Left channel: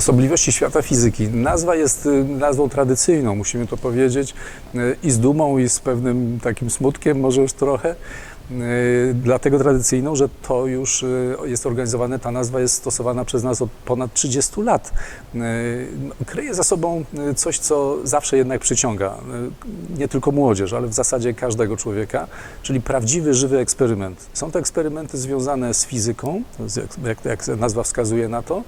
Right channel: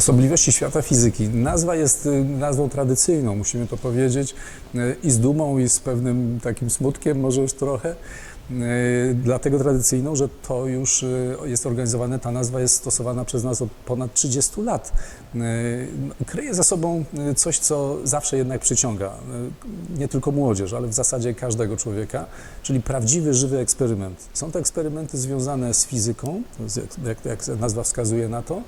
Osobliwości świata fizyki. Nazwa jest y, nazwą tradycyjną, musimy to powiedzieć, y, i z dumą, i z pewnym takim smutkiem, może już trochę. Y, Dlatego tradycyjną, że to już jest organizowane, ta nazwa jest stosowana przez nas od ponad 30 lat. Kryje za sobą coś, co zawsze jednak przyciąga nie tylko młodzież, ale w zasadzie każdego człowieka, czyli prawdziwy, żywy eksperyment. Są to eksperymenty związane z fizyką, jak, jak nazwa wskazuje na to,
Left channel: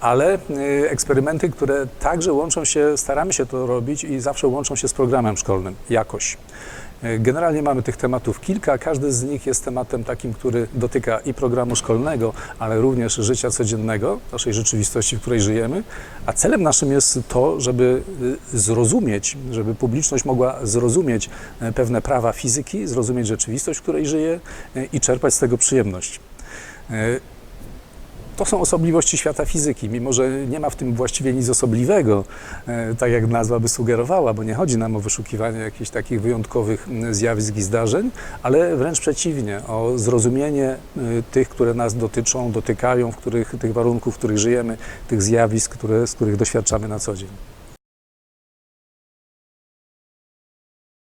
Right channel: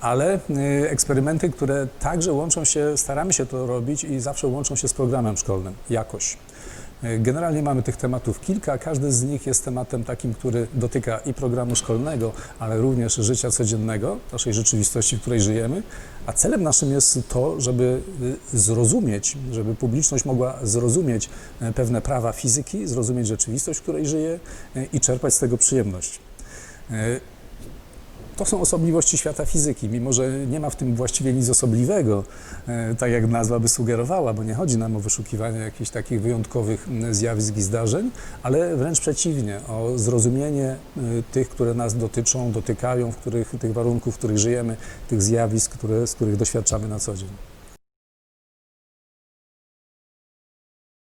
ale y, eksperymenty, które także łączą się, staramy się to robić i zawsze łączą się z programem szkolnym, jakoś. Y, Generalnie mamy tych tematów kilka, każdy z nich jest tematem takim, który dotyka i programu szkolnego, ale również życia codziennego, naszej rzeczywistości, w której żyjemy, a celem naszym jest to, żeby y, zrozumieć, żeby publiczność mogła zrozumieć pewne prawa fizyki, zrozumieć rzeczywistość, w której żyje i czerpać z tego przyjemność. To są osobliwości świata fizyki, mimo że nie ma w tym właściwie nic osobliwego, e, tak jak nazwa by sugerowała, bo nie chodzi nam o wyszukiwanie jakichś takich wyjątkowych zjawisk i zdarzeń, ale wręcz przeciwnie, o zrozumienie e, tych, które nas dotyczą, dotykają, w których, tych warunków, w których żyjemy, tych zjawisk, które, z których doświadczamy na co dzień.